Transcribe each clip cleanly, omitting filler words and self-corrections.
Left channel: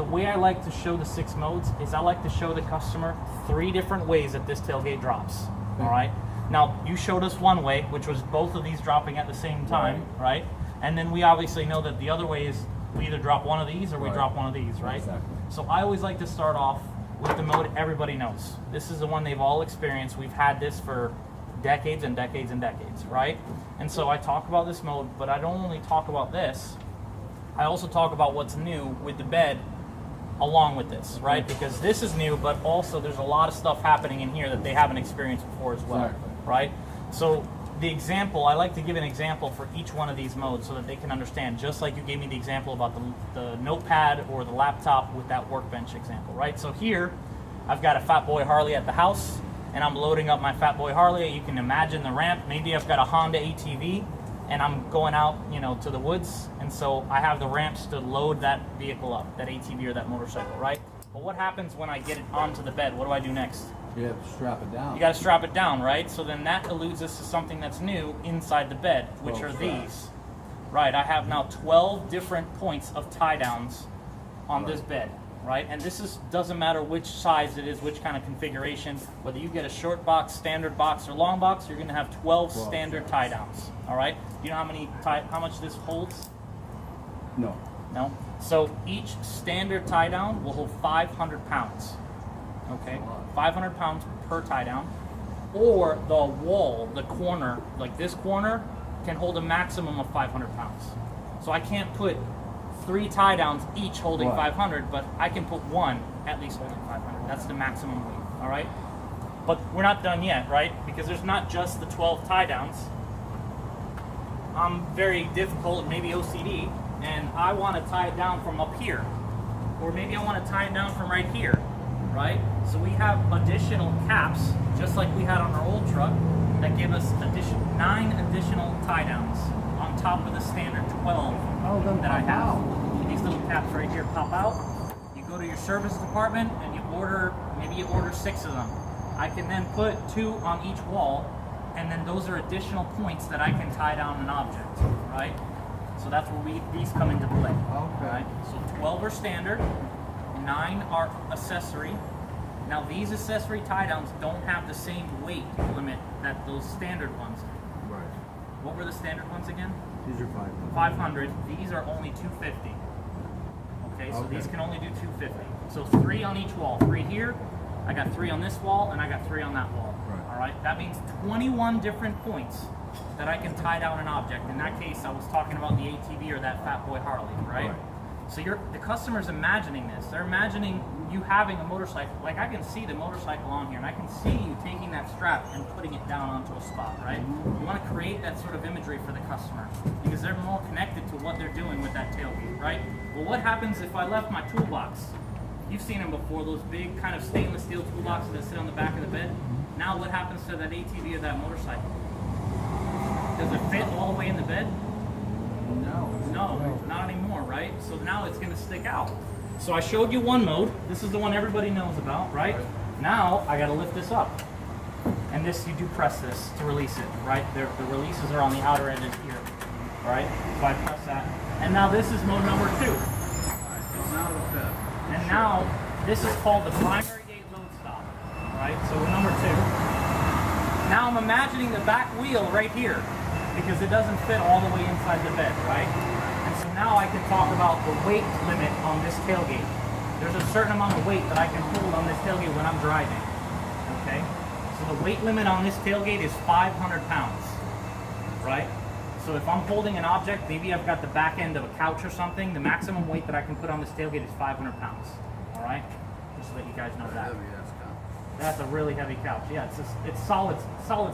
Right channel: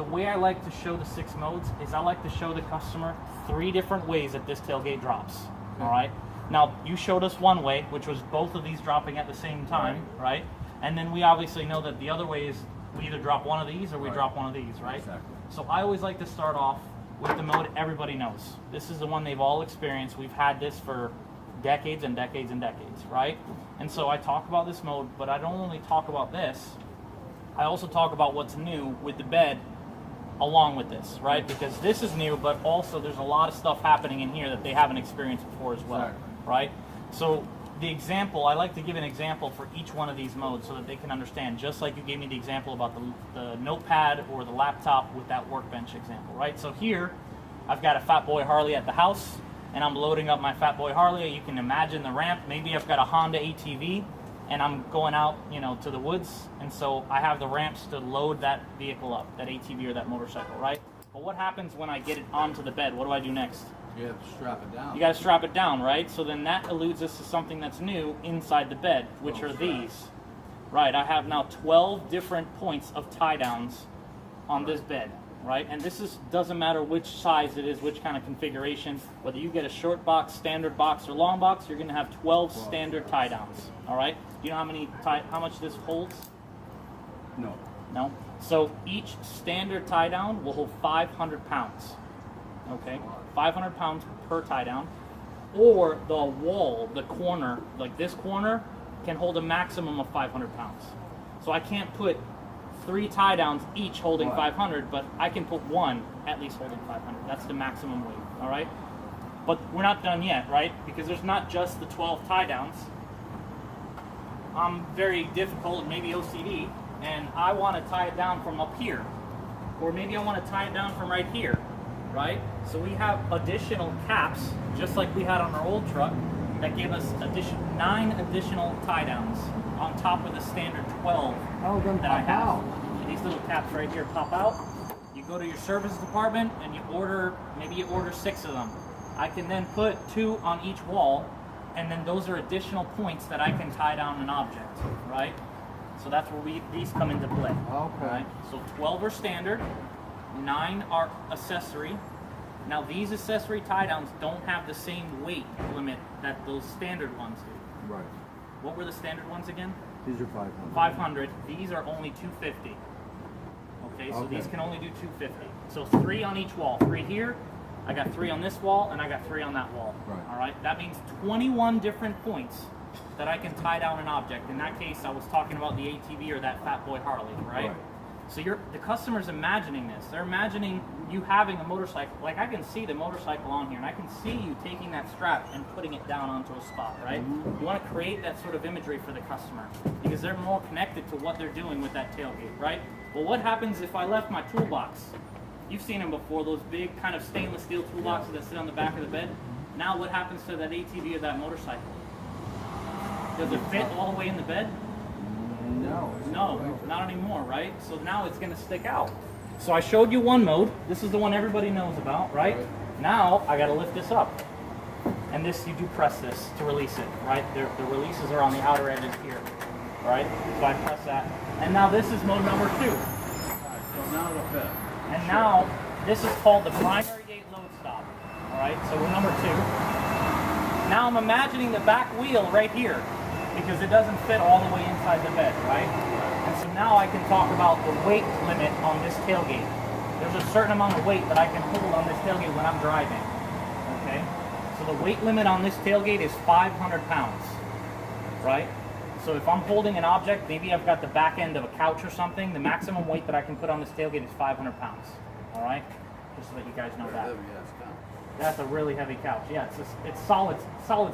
the way I like to show the 6 modes is I like to show the customer 3 different ways that this tailgate drops. All right. Now you showed us one way, which was both of these dropping at the same time, right? And then we obviously know that the other way is we either drop one of these or we drop one of these, right? Exactly. So I always like to start off with the mode everybody knows. This is the one they've all experienced. We've had this for decades and decades and decades, right? And so I talk about this mode, but I don't only talk about this. I also talk about what's new with the bed along with this, right? Because this is new, but also there's a lot of stuff happening in here that they haven't experienced before as well, right? So the example, I like to give an example for each one of these modes so that they can understand, just like you gave me the example about the notepad or the laptop with that workbench example, right? So here, I've got a Fat Boy Harley at the house, and I'm loading up my Fat Boy Harley. You can imagine the ramp. Maybe I've got a Honda ATV, and I'm going out, you know, to the woods, and so I have the ramps to load that vehicle up, that ATV or that motorcycle, right? But what happens when I get it onto the bed? What do I do next? You have to strap it down. You got to strap it down, right? So then that alludes us to something that's new inside the bed, which are these. Right, I have now 12 different points of tie downs on this bed, right? And this doesn't matter which size it is, which kind of configuration, whether you get a short box, standard box, or long box, you're going to have 12 standard tie downs, all right? Do you know how much this holds? No. No? So each standard tie down will hold 500 pounds, okay? 500 pounds per tie down. Or the wall, the corner, like this corner, can hold a maximum of 500 pounds. So I can't put 3 tie downs each holding 500, but I can put one at least holding 500. That's the maximum weight, all right? But we're not done yet, right? Because there's not just the 12 tie downs. I'm very difficult, maybe OCD, and I want to tie it down from up here. Or maybe I want to tie it down from right here, right? So we have additional caps, just like we had on our old truck, that give us 9 additional tie downs on top of the standard 12 that I have. These little caps right here pop out. You go to your service department and you order, maybe you order 6 of them. I can then put 2 on each wall, and then those are additional points that I can tie down an object, right? So that's where these come into play. Okay. Right? So 12 are standard, 9 are accessory. Now these accessory tie downs don't have the same weight limit that those standard ones do. Right. What were the standard ones again? These are 500. 500. These are only 250. Okay, so these can only do 250. So 3 on each wall. 3 here. I got 3 on this wall, and I got 3 on that wall. Right. All right. That means 21 different points that I can tie down an object. In that case, I was talking about the ATV or that Fat Boy Harley, right? So the customer's imagining this. They're imagining you having a motorcycle. Like, I can see the motorcycle on here, and I can see you taking that strap and putting it down onto a spot, right? You want to create that sort of imagery for the customer because they're more connected to what they're doing with that tailgate, right? Well, what happens if I left my toolbox? You've seen them before, those big kind of stainless steel toolboxes that sit on the back of the bed. Now what happens to that ATV or that motorcycle? Does it fit all the way in the bed? No, not anymore, right? So now it's going to stick out. So I showed you one mode. This is the one everybody knows about, right? Now I got to lift this up. And this, you do press this to release it, right? The releases are on the outer edges here, all right? So I press that. And now this is mode number 2. So now what's that? And now this is called the primary gate load stop, all right? So we're number 2. Now I'm imagining the back wheel right here, because it doesn't fit all the way inside the bed, right? And so now I can talk about the weight limit on this tailgate. There's a certain amount of weight that I can hold on this tailgate when I'm driving, okay? So the weight limit on this tailgate is 500 pounds, right? So if I'm holding an object, maybe I've got the back end of a couch or something, the maximum weight that I can put on this tailgate is 500 pounds, all right? Just so that you guys know that. That's a really heavy couch. Yeah, it's solid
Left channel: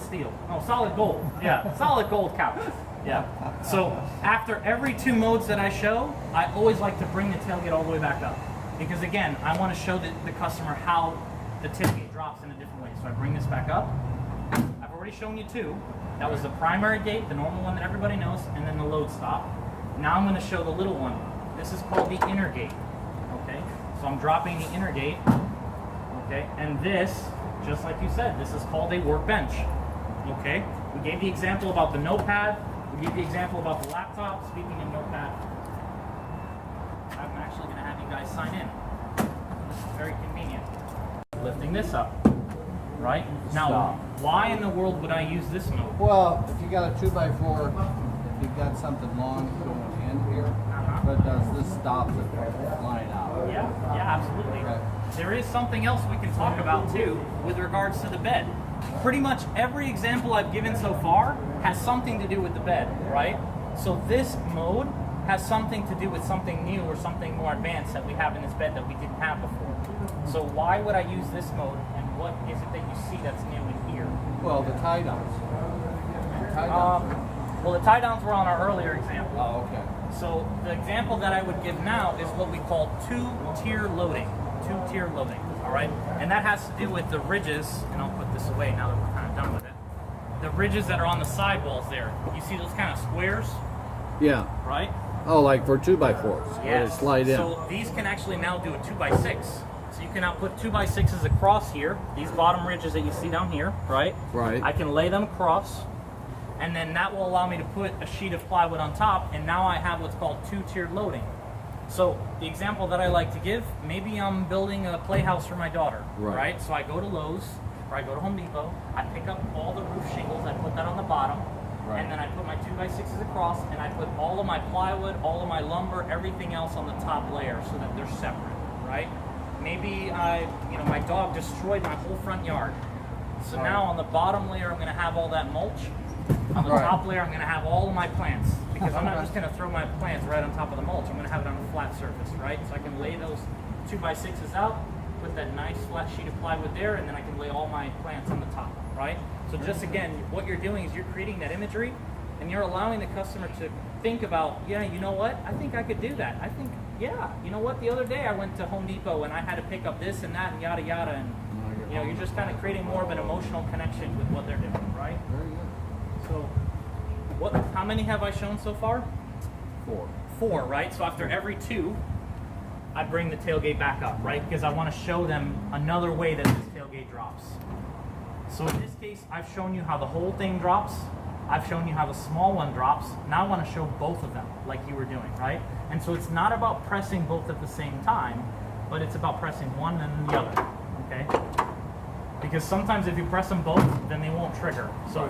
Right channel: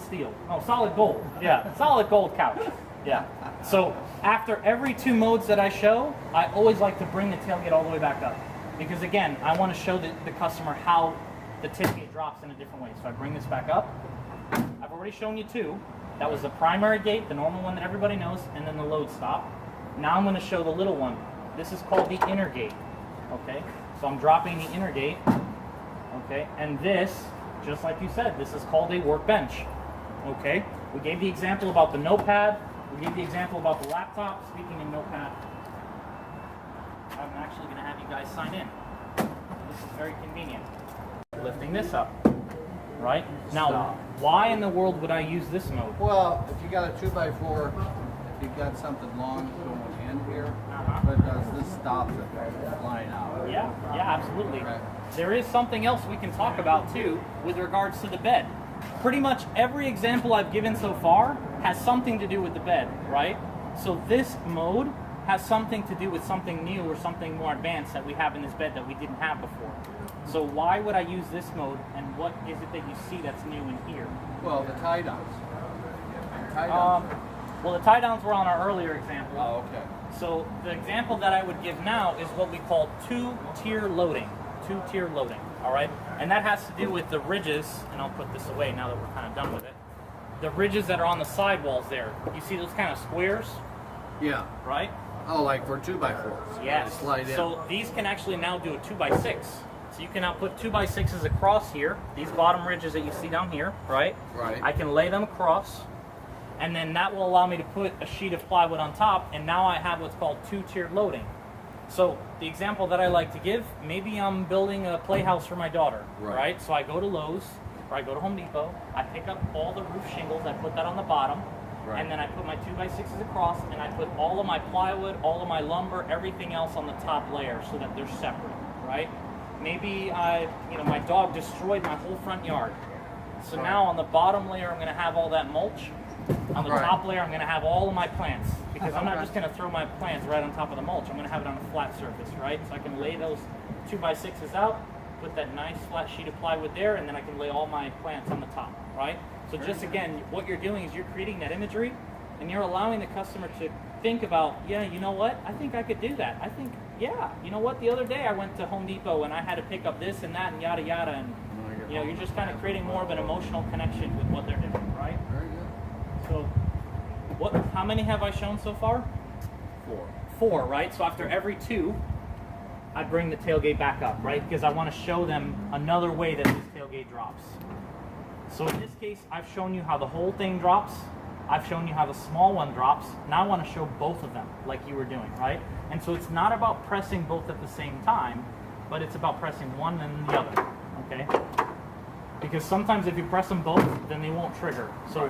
steel. Oh, solid gold. Yeah, solid gold couch. Yeah. So after every 2 modes that I show, I always like to bring the tailgate all the way back up. Because again, I want to show the customer how the tailgate drops in a different way. So I bring this back up. I've already shown you 2. That was the primary gate, the normal one that everybody knows, and then the load stop. Now I'm going to show the little one. This is called the inner gate. Okay? So I'm dropping the inner gate. Okay, and this, just like you said, this is called a workbench. Okay, we gave the example about the notepad. We gave the example about the laptop. Speaking of notepad, I've I'm actually going to have you guys sign in. This is very convenient. Lifting this up, right? Now, why in the world would I use this mode? Well, if you got a 2x4, you've got something long going in here, but this stops it from flying out. Yeah, absolutely. Okay. There is something else we can talk about too with regards to the bed. Pretty much every example I've given so far has something to do with the bed, right? So this mode has something to do with something new or something more advanced that we have in this bed that we didn't have before. So why would I use this mode, and what is it that you see that's new in here? Well, the tie downs. Well, the tie downs were on our earlier example. Oh, okay. So the example that I would give now is what we call two-tier loading. Two-tier loading, all right? And that has to do with the ridges, and I'll put this away now that we're kind of done with it. The ridges that are on the sidewalls there. You see those kind of squares? Yeah. Right? Oh, like for 2x4s. Yes. They slide in. So these can actually now do a 2x6. So you can now put 2x6s across here, these bottom ridges that you see down here, right? Right. I can lay them across, and then that will allow me to put a sheet of plywood on top, and now I have what's called two-tiered loading. So the example that I like to give, maybe I'm building a playhouse for my daughter, right? So I go to Lowe's, or I go to Home Depot, I pick up all the roof shingles, I put that on the bottom, and then I put my 2x6s across, and I put all of my plywood, all of my lumber, everything else on the top layer so that they're separate, right? Maybe my dog destroyed my whole front yard. So now on the bottom layer, I'm going to have all that mulch. On the top layer, I'm going to have all of my plants, because I'm not just going to throw my plants right on top of the mulch. I'm going to have it on a flat surface, right? So I can lay those 2x6s out, put that nice flat sheet of plywood there, and then I can lay all my plants on the top, right? So just again, what you're doing is you're creating that imagery, and you're allowing the customer to think about, yeah, you know what? I think I could do that. I think, yeah, you know what? The other day I went to Home Depot and I had to pick up this and that and yada yada, and you're just kind of creating more of an emotional connection with what they're doing, right? Very good. So, how many have I shown so far? 4. 4, right? So after every 2, I bring the tailgate back up, right? Because I want to show them another way that this tailgate drops. So in this case, I've shown you how the whole thing drops. I've shown you how the small one drops. Now I want to show both of them like you were doing, right? And so it's not about pressing both at the same time, but it's about pressing one and then the other, okay? Because sometimes if you press them both, then they won't trigger. So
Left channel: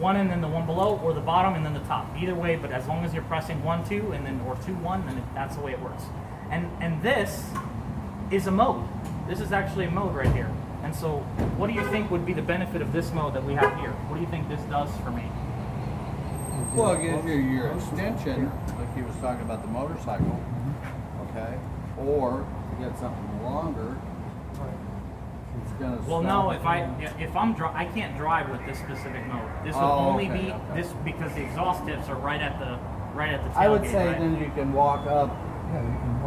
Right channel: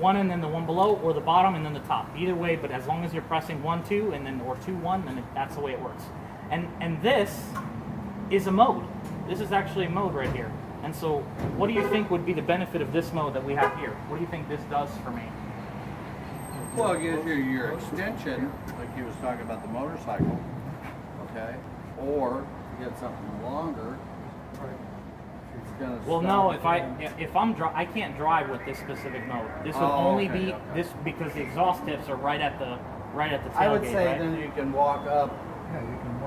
one and then the one below, or the bottom and then the top. Either way, but as long as you're pressing 1, 2, and then or 2, 1, then that's the way it works. And this is a mode. This is actually a mode right here. And so, what do you think would be the benefit of this mode that we have here? What do you think this does for me? Well, your extension, like you was talking about the motorcycle, okay, or to get something longer, it's gonna. Well, no, I can't drive with this specific mode. This will only be this because the exhaust tips are right at the tailgate. I would say right? then you can walk up.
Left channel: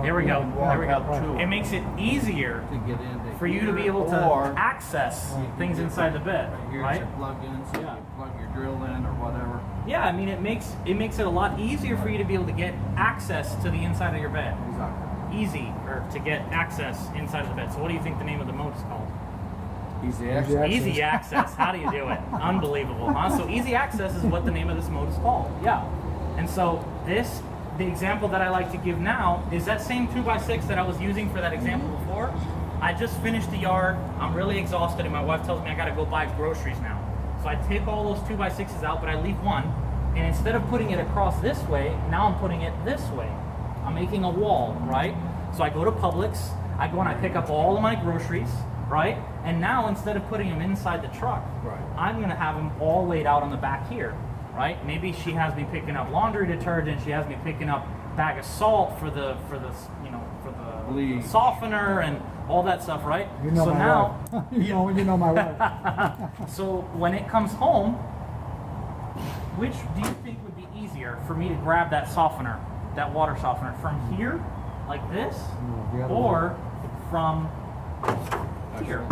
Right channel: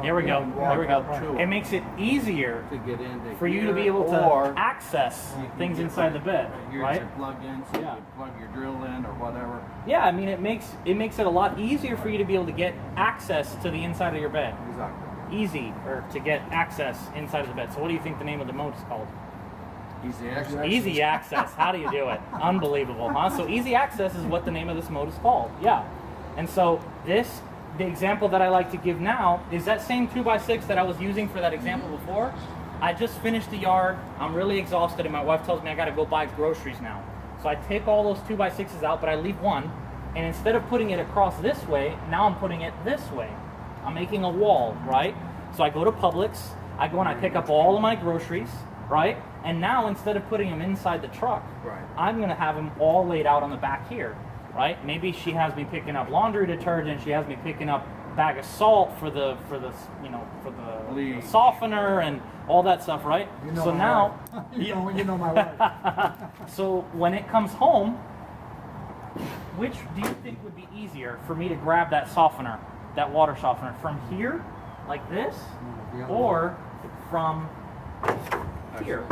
Here we go. There we go. It makes it easier to get into for you to be able to access things inside the bed, right? To plug in, so you plug your drill in or whatever. Yeah, I mean it makes it a lot easier for you to be able to get access to the inside of your bed. Exactly. Easy, or to get access inside of the bed. So what do you think the name of the mode is called? Easy access. Easy access. How do you do it? Unbelievable, huh? So easy access is what the name of this mode is called. Yeah. And so the example that I like to give now is that same 2x6 that I was using for that example before. I just finished the yard. I'm really exhausted, and my wife tells me I got to go buy groceries now. So I take all those 2x6s out, but I leave one. And instead of putting it across this way, now I'm putting it this way. I'm making a wall, right? So I go to Publix. I go and I pick up all of my groceries, right? And now instead of putting them inside the truck, I'm going to have them all laid out on the back here. Right? Maybe she has me picking up laundry detergent. She has me picking up a bag of salt for the softener and all that stuff, right? You know so my now, wife. you know my wife. So when it comes home, which do you think would be easier for me to grab that softener, that water softener, from here, like this, or from here,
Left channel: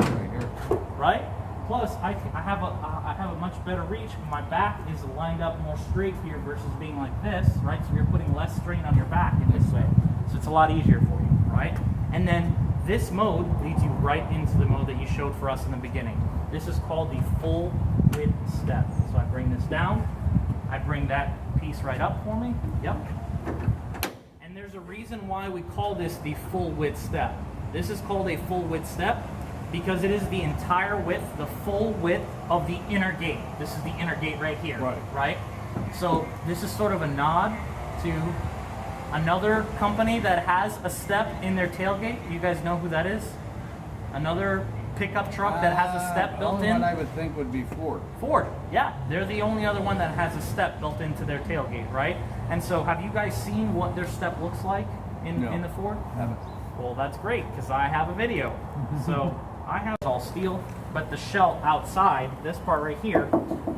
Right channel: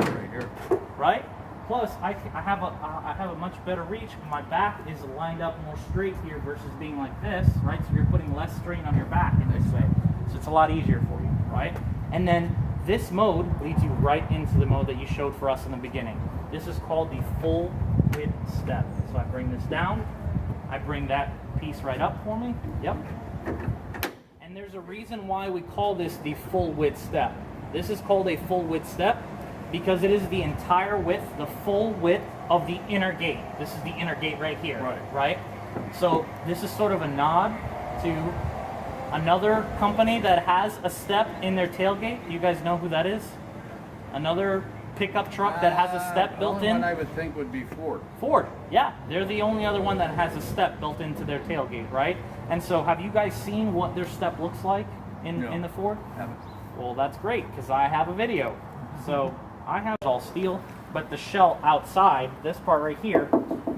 right? Plus, I have a much better reach. My back is lined up more straight here versus being like this, right? So you're putting less strain on your back in this way. So it's a lot easier for you, right? And then this mode leads you right into the mode that you showed for us in the beginning. This is called the full width step. So I bring this down. I bring that piece right up for me. Yep. And there's a reason why we call this the full width step. This is called a full width step because it is the entire width, the full width of the inner gate. This is the inner gate right here, right? So this is sort of a nod to another company that has a step in their tailgate. You guys know who that is? Another pickup truck that has a step built the only in. one I would think would be Ford. Ford, yeah. They're the only other one that has a step built into their tailgate, right? And so have you guys seen what their step looks like in the Ford? Haven't. Well, that's great because I have a video. So I have all steel, but the shell outside, this part right here,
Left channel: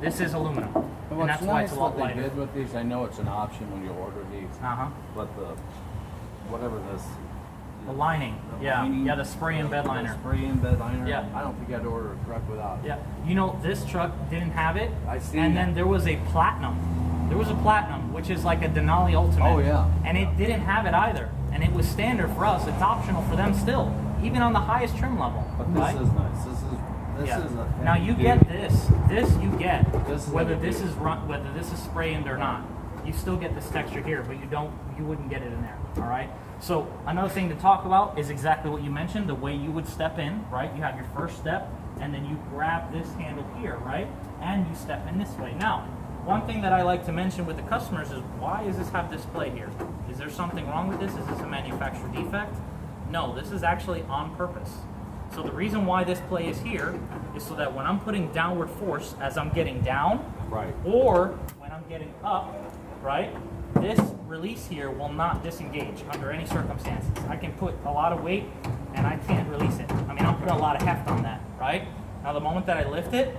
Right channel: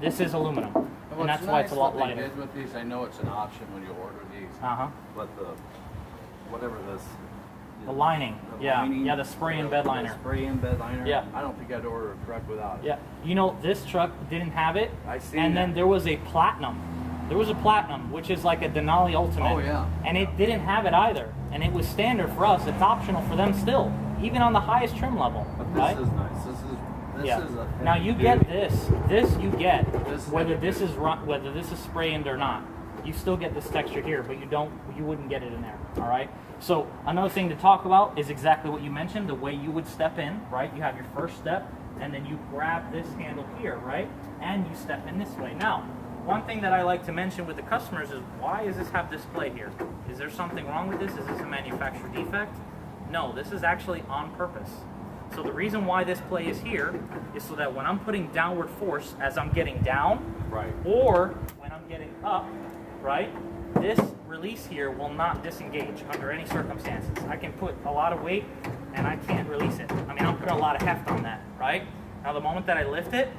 this is aluminum. And that's why it's a lot lighter. What they did with these, I know it's an option when you order these, but whatever this, the lining, lining, the spray and bed liner. Spray and bed liner. Yeah. I don't think I'd order a truck without it. Yeah, you know, this truck didn't have it. I see. And then there was a platinum. There was a platinum, which is like a Denali Ultimate. Oh yeah. And it didn't have it either. And it was standard for us. It's optional for them still, even on the highest trim level. But right? this is nice. This is a now you get this. This you get This is whether heavy this is whether this is sprayed or not. You still get this texture here, but you wouldn't get it in there. All right. So another thing to talk about is exactly what you mentioned, the way you would step in, right? You have your first step, and then you grab this handle here, right? And you step in this way. Now, one thing that I like to mention with the customers is, why does this have display here? Is there something wrong with this? Is this a manufacturer defect? No, this is actually on purpose. So the reason why this play is here is so that when I'm putting downward force as I'm getting down, or when I'm getting up, right, this release here will not disengage under any circumstances. I can put a lot of weight and I can't release it. I mean, I'll put a lot of heft on that, right? Now the moment that I lift it,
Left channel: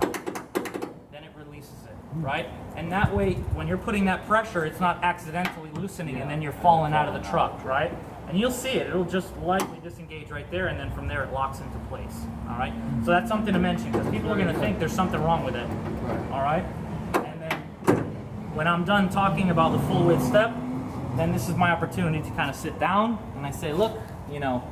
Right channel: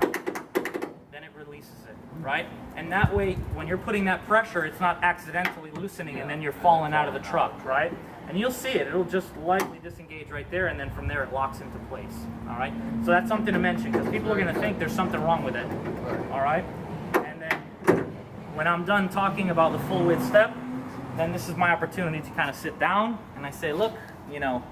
then it releases it, right? And that way, when you're putting that pressure, it's not accidentally loosening and then you're falling out of the truck, right? And you'll see it. It'll just lightly disengage right there, and then from there it locks into place, all right? So that's something to mention because people are going to think there's something wrong with it, all right? And then when I'm done talking about the full width step, then this is my opportunity to kind of sit down and I say, look, you know,